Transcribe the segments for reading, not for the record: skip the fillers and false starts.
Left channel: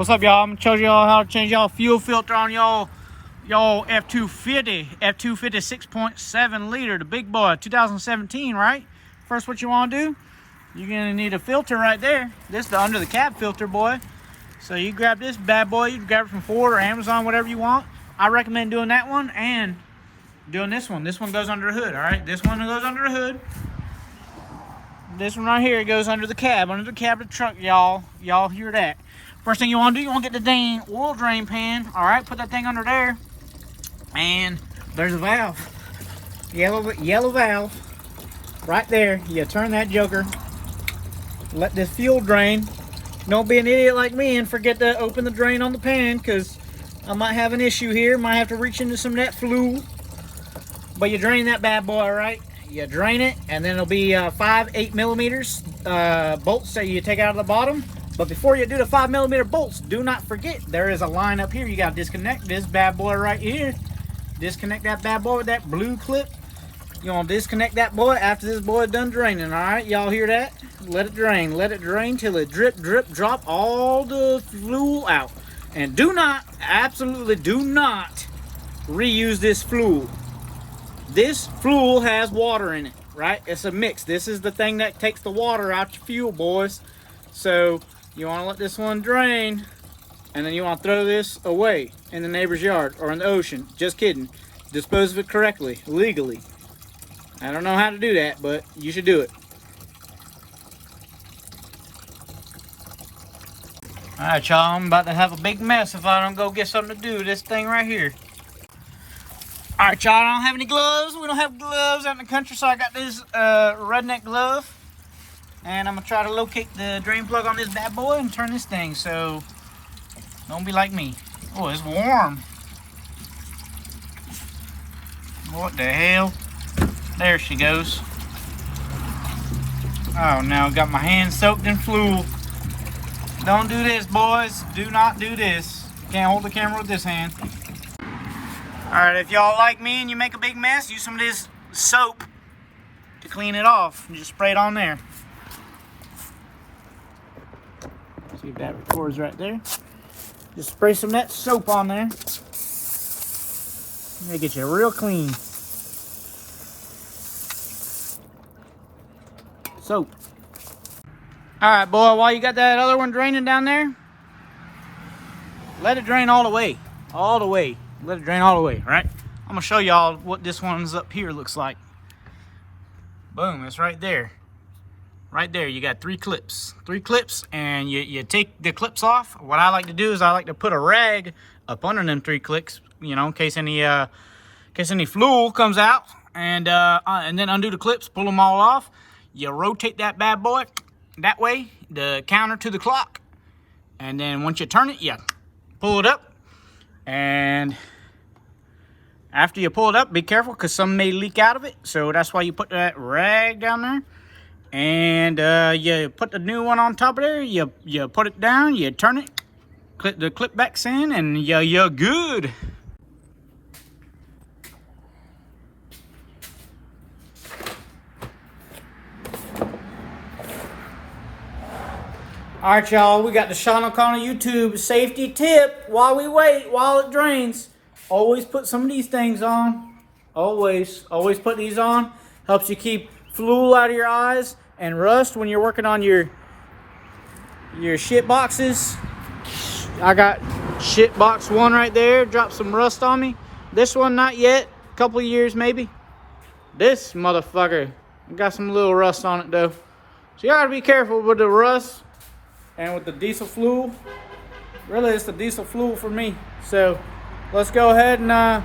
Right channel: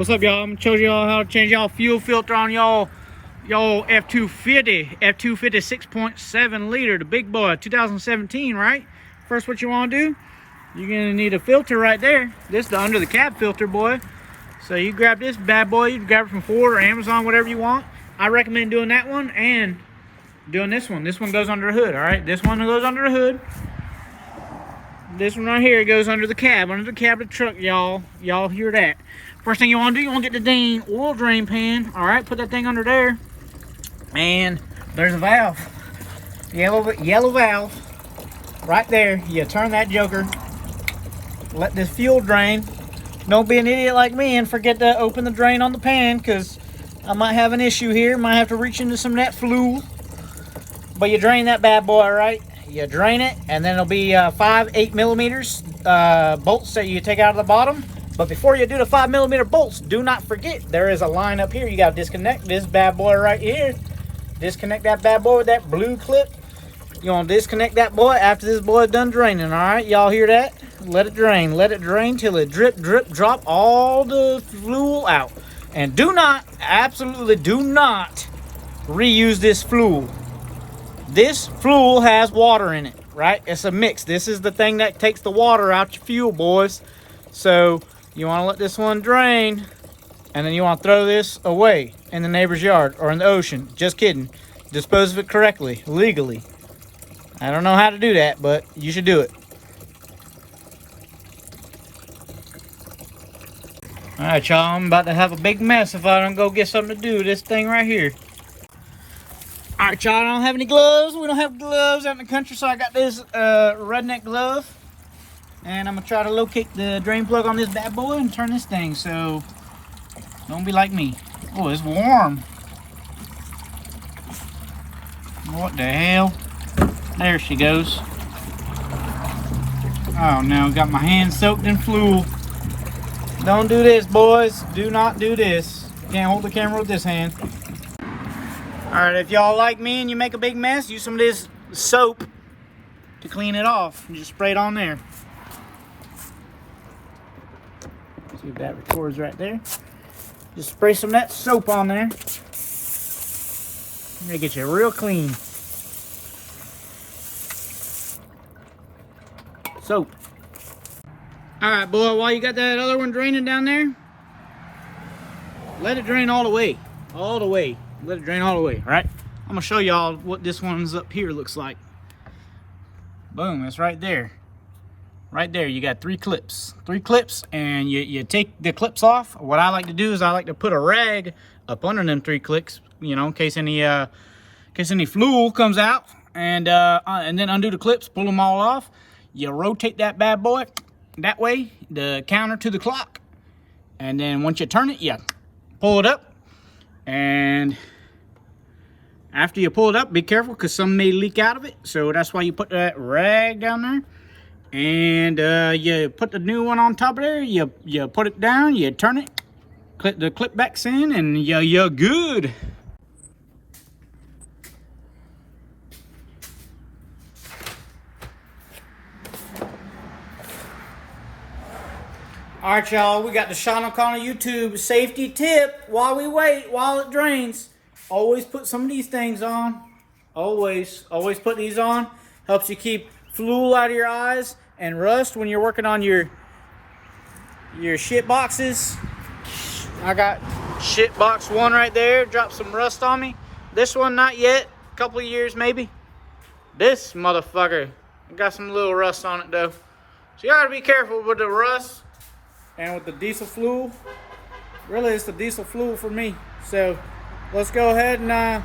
What's up, y'all? I'm gonna show y'all how to change y'all fuel filter on y'all F250 6.7 liter, the big boy, 2017, right? First, what you want to do, you're gonna need a filter right there. This is the under the cab filter, boy. So you grab this bad boy, you can grab it from Ford or Amazon, whatever you want. I recommend doing that one and doing this one. This one goes under the hood, all right? This one goes under the hood. This one right here goes under the cab of the truck, y'all. Y'all hear that? First thing you want to do, you want to get the dang oil drain pan. All right, put that thing under there, and there's a valve, yellow valve, right there. You turn that joker, let this fuel drain. Don't be an idiot like me and forget to open the drain on the pan, because I might have an issue here. Might have to reach into some of that fluid. But you drain that bad boy, all right? You drain it, and then it'll be 8 millimeters bolts that you take out of the bottom. But before you do the 5 millimeter bolts, do not forget there is a line up here. You got to disconnect this bad boy right here. Disconnect that bad boy with that blue clip. You want to disconnect that boy after this boy is done draining. All right, y'all hear that? Let it drain. Let it drain till it drip, drop all the fluid out. And do not, absolutely do not reuse this fluid. This fluid has water in it, right? It's a mix. This is the thing that takes the water out your fuel, boys. So you want to let this one drain, and then you want to throw this away in the neighbor's yard or in the ocean. Just kidding. Dispose of it correctly, legally. I don't know how to do that, but you should do it. All right, y'all, I'm about to have a big mess if I don't go get something to do with this thing right here. All right, y'all, I don't have any gloves. We don't have gloves out in the country, so I got this redneck glove. And I'm gonna try to locate the drain plug on this bad boy and turn this thing, so don't be like me. Oh, it's warm. What the hell? There she goes. Oh no, got my hands soaked in fluid. Don't do this, boys. Do not do this. Can't hold the camera with this hand. All right, if y'all like me and you make a big mess, use some of this soap to clean it off. You just spray it on there. See if that records right there. Just spray some of that soap on there. It'll get you real clean. Soap. All right, boy, while you got that other one draining down there, let it drain all the way. All the way. Let it drain all the way, all right? I'm gonna show y'all what this one's up here looks like. Boom, it's right there. Right there, you got three clips, and you take the clips off. What I like to do is I like to put a rag up under them 3 clips, you know, in case any fluid comes out, and then undo the clips, pull them all off. You rotate that bad boy that way, the counter to the clock, and then once you turn it, you pull it up, and after you pull it up, be careful because some may leak out of it, so that's why you put that rag down there. And you put the new one on top of there, you put it down, you turn it, clip the clip backs in, and you're good. All right, y'all, we got the Sean O'Connell YouTube safety tip. While we wait, while it drains, always put some of these things on. Always put these on. Helps you keep fluid out of your eyes and rust when you're working on your shit boxes. I got shit box 1 right there. Dropped some rust on me. This one, not yet. A couple of years maybe. This motherfucker got some little rust on it though. So you gotta be careful with the rust and with the diesel fluid. Really, it's the diesel fluid for me. So let's go ahead and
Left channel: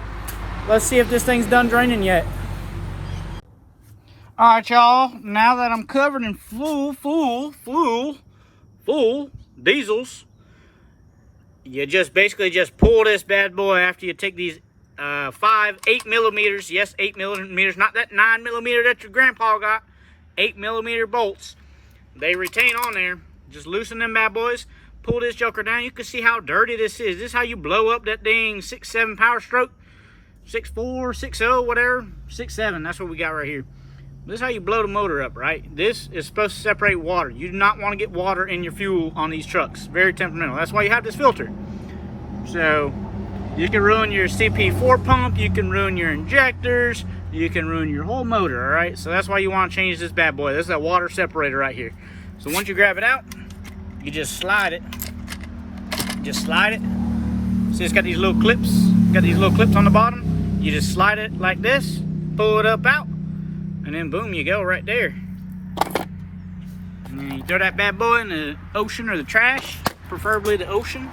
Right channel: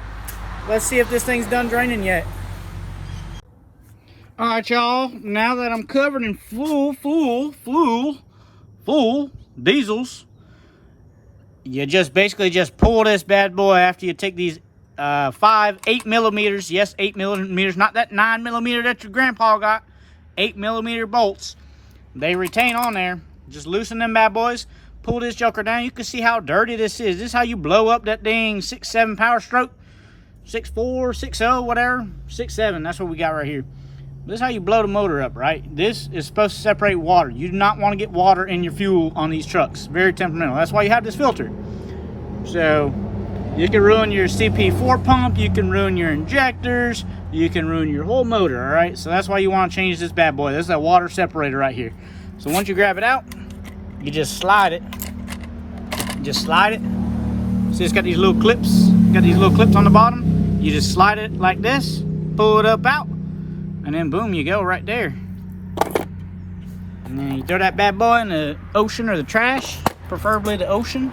let's see if this thing's done draining yet. All right, y'all, now that I'm covered in full diesels, you just basically just pull this bad boy after you take these 8 millimeters, yes, 8 millimeters, not that 9 millimeter that your grandpa got, 8 millimeter bolts. They retain on there. Just loosen them bad boys, pull this joker down. You can see how dirty this is. This is how you blow up that dang 6.7 power stroke, 6.4, 6.0, whatever, 6.7, that's what we got right here. This is how you blow the motor up, right? This is supposed to separate water. You do not want to get water in your fuel on these trucks. Very temperamental. That's why you have this filter. So you can ruin your CP4 pump, you can ruin your injectors, you can ruin your whole motor, all right? So that's why you want to change this bad boy. This is that water separator right here. So once you grab it out, you just slide it. Just slide it. See, it's got these little clips. Got these little clips on the bottom. You just slide it like this, pull it up out, and then boom, you go right there. And then you throw that bad boy in the ocean or the trash, preferably the ocean.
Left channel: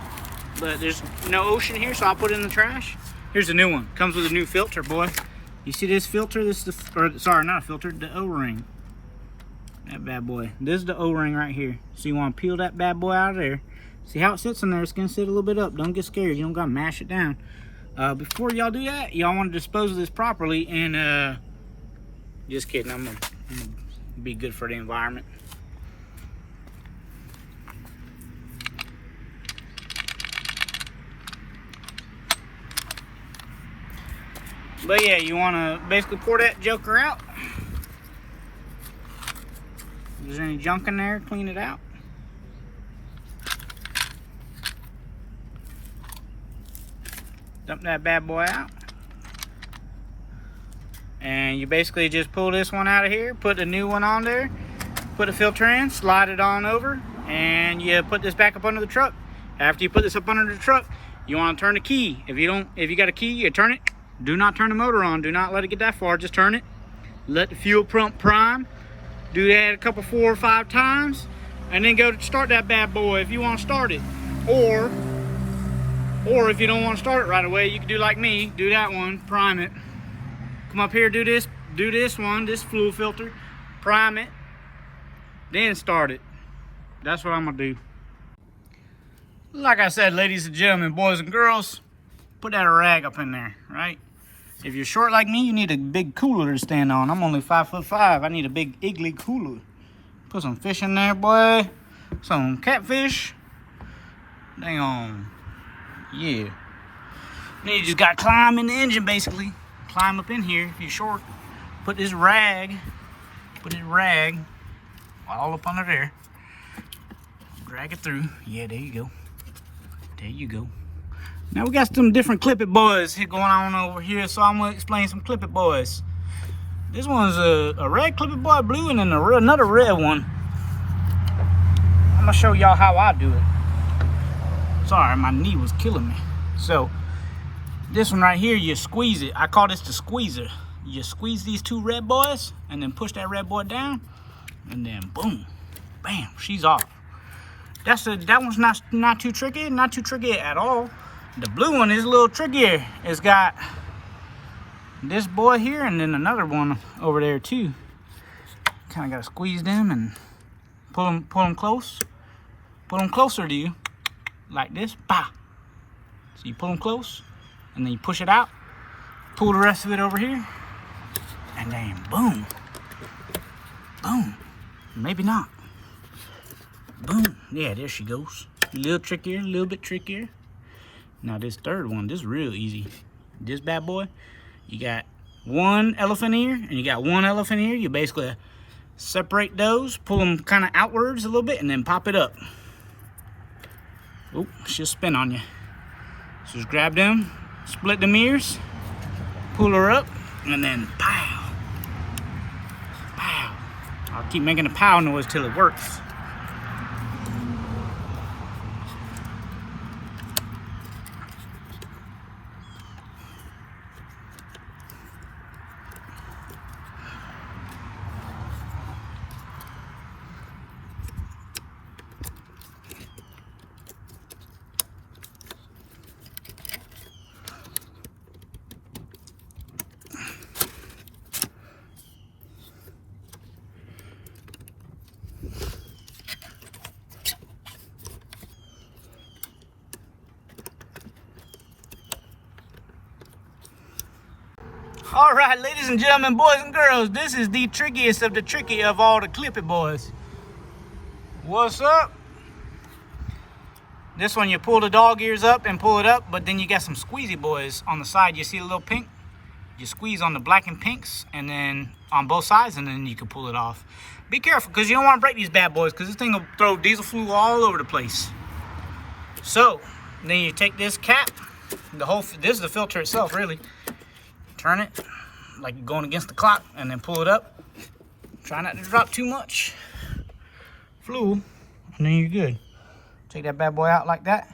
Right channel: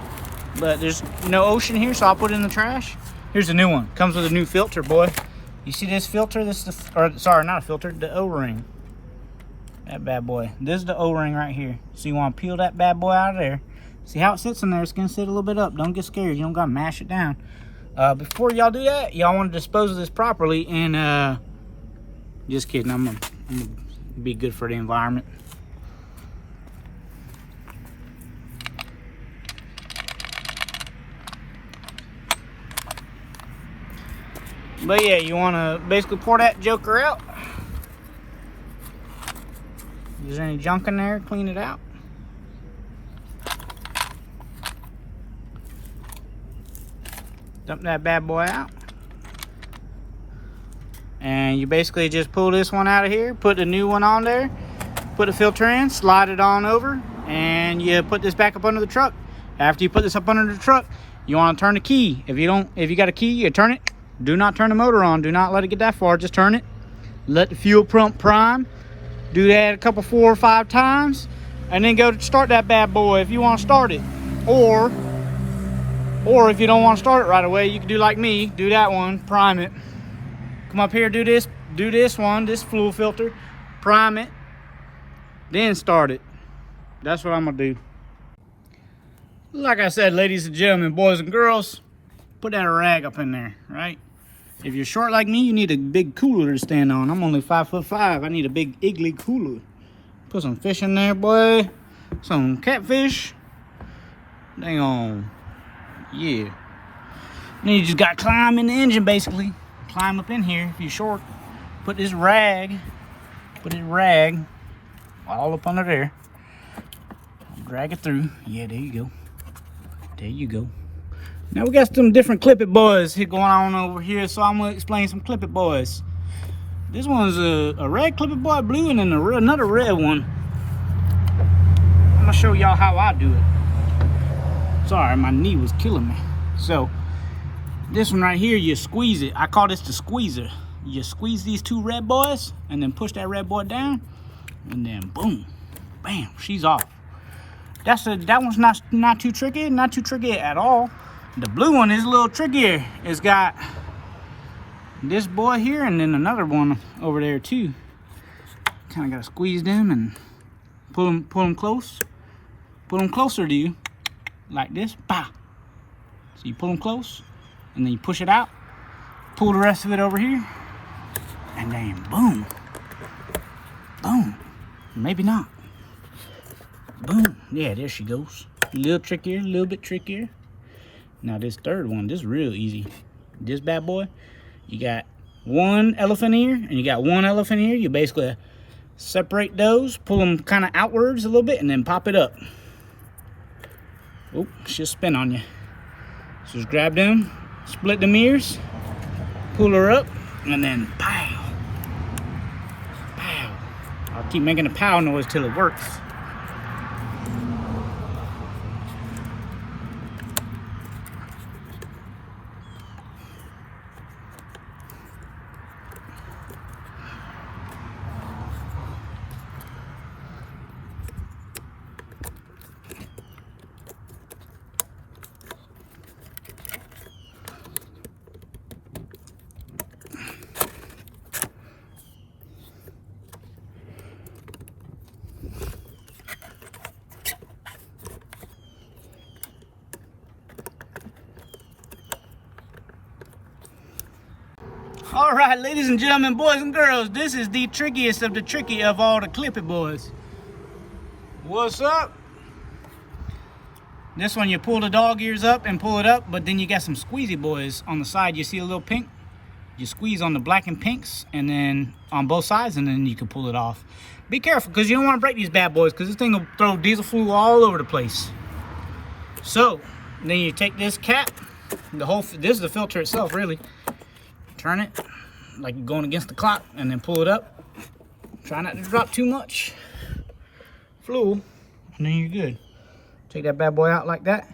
But there's no ocean here, so I'll put it in the trash. Here's a new one. Comes with a new filter, boy. You see this filter? This is the, or sorry, not a filter, the O-ring. That bad boy. This is the O-ring right here. So you want to peel that bad boy out of there. See how it sits in there? It's gonna sit a little bit up. Don't get scared. You don't gotta mash it down. Before y'all do that, y'all want to dispose of this properly. And just kidding. I'm gonna be good for the environment. But yeah, you want to basically pour that joker out. If there's any junk in there, clean it out. Dump that bad boy out. And you basically just pull this one out of here, put the new one on there, put the filter in, slide it on over, and you put this back up under the truck. After you put this up under the truck, you want to turn the key. If you got a key, you turn it. Do not turn the motor on. Do not let it get that far. Just turn it. Let the fuel pump prime. Do that a couple, 4 or 5 times, and then go to start that bad boy if you want to start it. Or if you don't want to start it right away, you can do like me. Do that one. Prime it. Come up here. Do this. Do this one. This fuel filter. Prime it. Then start it. That's what I'm gonna do. Like I said, ladies and gentlemen, boys and girls, put that rag up in there, right? If you're short like me, you need a big cooler to stand on. I'm only 5'5". I need a big Igloo cooler. Put some fish in there, boy. Some catfish. Dang on. Yeah. Then you just got to climb in the engine, basically. Climb up in here if you're short. Put this rag all up under there. Drag it through. Yeah, there you go. There you go. Now we got some different Clip It boys here going on over here, so I'm gonna explain some Clip It boys. This one's a red Clip It boy, blue, and then another red one. I'm gonna show y'all how I do it. Sorry, my knee was killing me. So this one right here, you squeeze it. I call this the squeezer. You squeeze these 2 red boys, and then push that red boy down, and then boom, bam, she's off. That one's not too tricky, not too tricky at all. The blue one is a little trickier. It's got this boy here and then another one over there too. Kind of got to squeeze them and pull them close. Pull them closer to you, like this. Bah. So you pull them close, and then you push it out. Pull the rest of it over here, and then boom, boom. Maybe not. Boom. Yeah, there she goes. A little trickier, a little bit trickier. Now this third one, this is real easy. This bad boy, you got 1 elephant ear and you got 1 elephant ear. You basically separate those, pull them kind of outwards a little bit, and then pop it up. Oh, she'll spin on you. So just grab them, split them ears, pull her up, and then pow, pow. I'll keep making a pow noise till it works. All right, ladies and gentlemen, boys and girls, this is the trickiest of the tricky of all the Clip It boys. What's up? This one, you pull the dog ears up and pull it up, but then you got some squeezy boys on the side. You see a little pink? You squeeze on the black and pinks, and then on both sides, and then you can pull it off. Be careful, because you don't want to break these bad boys, because this thing will throw diesel fluid all over the place. So, then you take this cap, this is the filter itself, really. Turn it like you're going against the clock, and then pull it up. Try not to drop too much fluid, and then you're good. Take that bad boy out like that.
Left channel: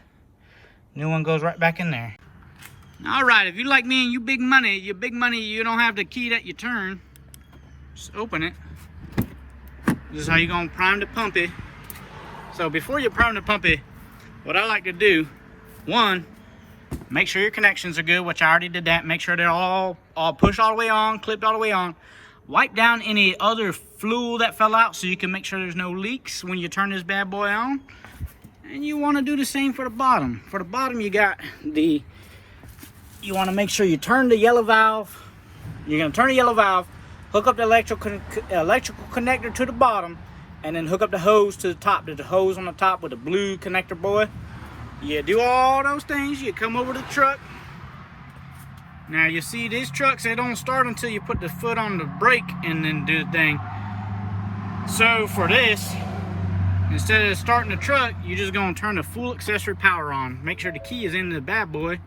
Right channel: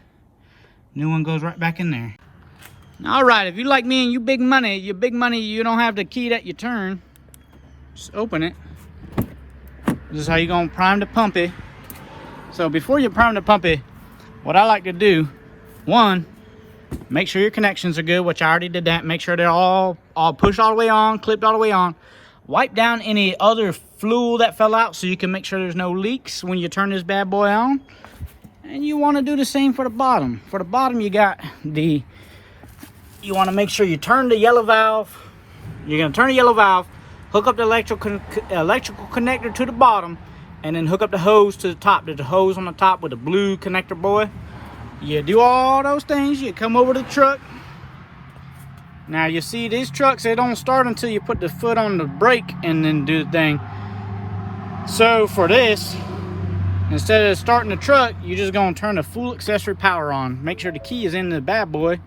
New one goes right back in there. All right, if you like me and you big money, you don't have the key that you turn. Just open it. This is how you're gonna prime the pumpy. So before you prime the pumpy, what I like to do, one, make sure your connections are good, which I already did that. Make sure they're all pushed all the way on, clipped all the way on. Wipe down any other fluid that fell out so you can make sure there's no leaks when you turn this bad boy on. And you want to do the same for the bottom. For the bottom, you want to make sure you turn the yellow valve. You're going to turn the yellow valve, hook up the electrical connector to the bottom, and then hook up the hose to the top. There's a hose on the top with a blue connector, boy. You do all those things, you come over to the truck. Now you see these trucks, they don't start until you put the foot on the brake and then do the thing. So for this, instead of starting the truck, you're just going to turn the full accessory power on. Make sure the key is in the bad boy.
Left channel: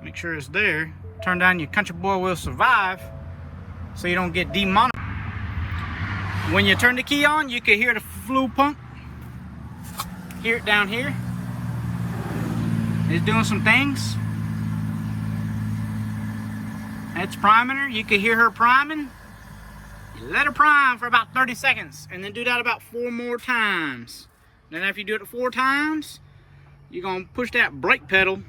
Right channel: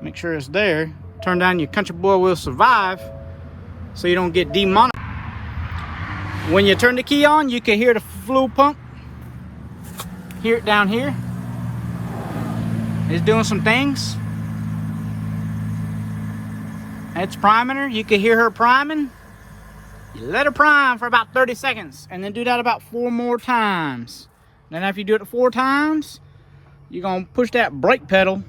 Make sure it's there. Turn down your Country Boy Will Survive so you don't get demonetized. When you turn the key on, you can hear the fluid pump. Hear it down here. It's doing some things. That's priming her. You can hear her priming. You let her prime for about 30 seconds and then do that about 4 more times. Then after you do it 4 times, you're going to push that brake pedal,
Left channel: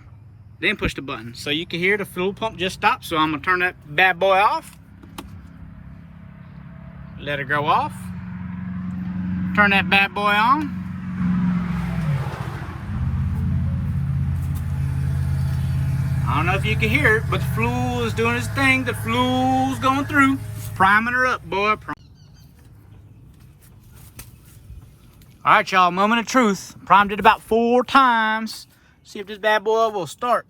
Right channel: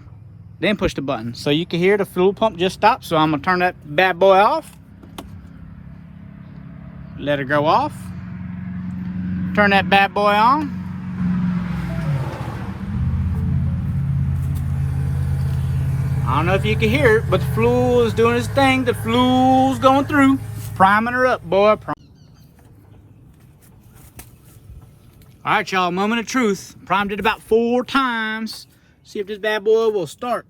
then push the button. So you can hear the fuel pump just stop. So I'm going to turn that bad boy off. Let her go off. Turn that bad boy on. I don't know if you can hear it, but the fuel is doing its thing. The fuel's going through. Priming her up, boy. Alright, y'all, moment of truth. Primed it about 4 times. See if this bad boy will start.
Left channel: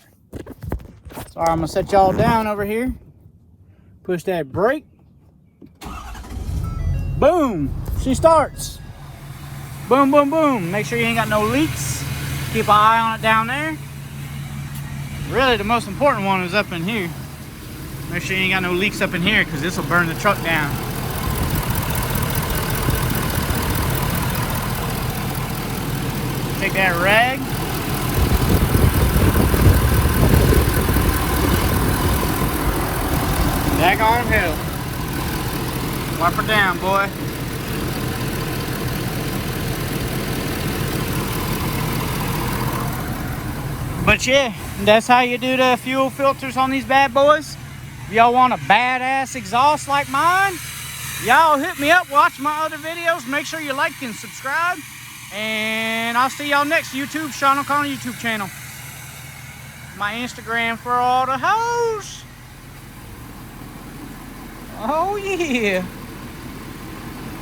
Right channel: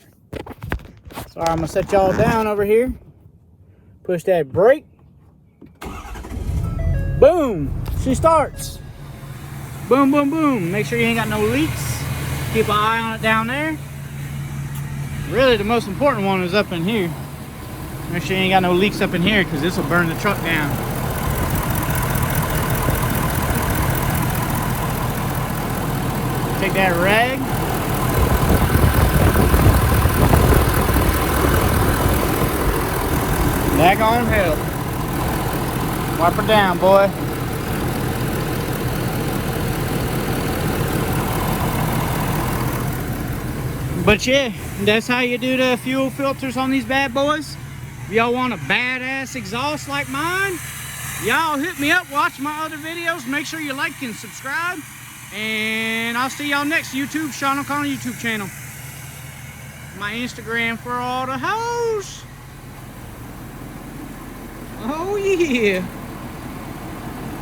So I'm gonna set y'all down over here. Push that brake. Boom! She starts. Boom, boom, boom. Make sure you ain't got no leaks. Keep an eye on it down there. Really, the most important one is up in here. Make sure you ain't got no leaks up in here, because this will burn the truck down. Take that rag. Back on hell. Wipe her down, boy. But yeah, that's how you do the fuel filters on these bad boys. If y'all want a badass exhaust like mine, y'all hit me up, watch my other videos. Make sure you like and subscribe. And I'll see y'all next YouTube, Sean O'Connor YouTube channel. My Instagram for all the hoes. Oh yeah.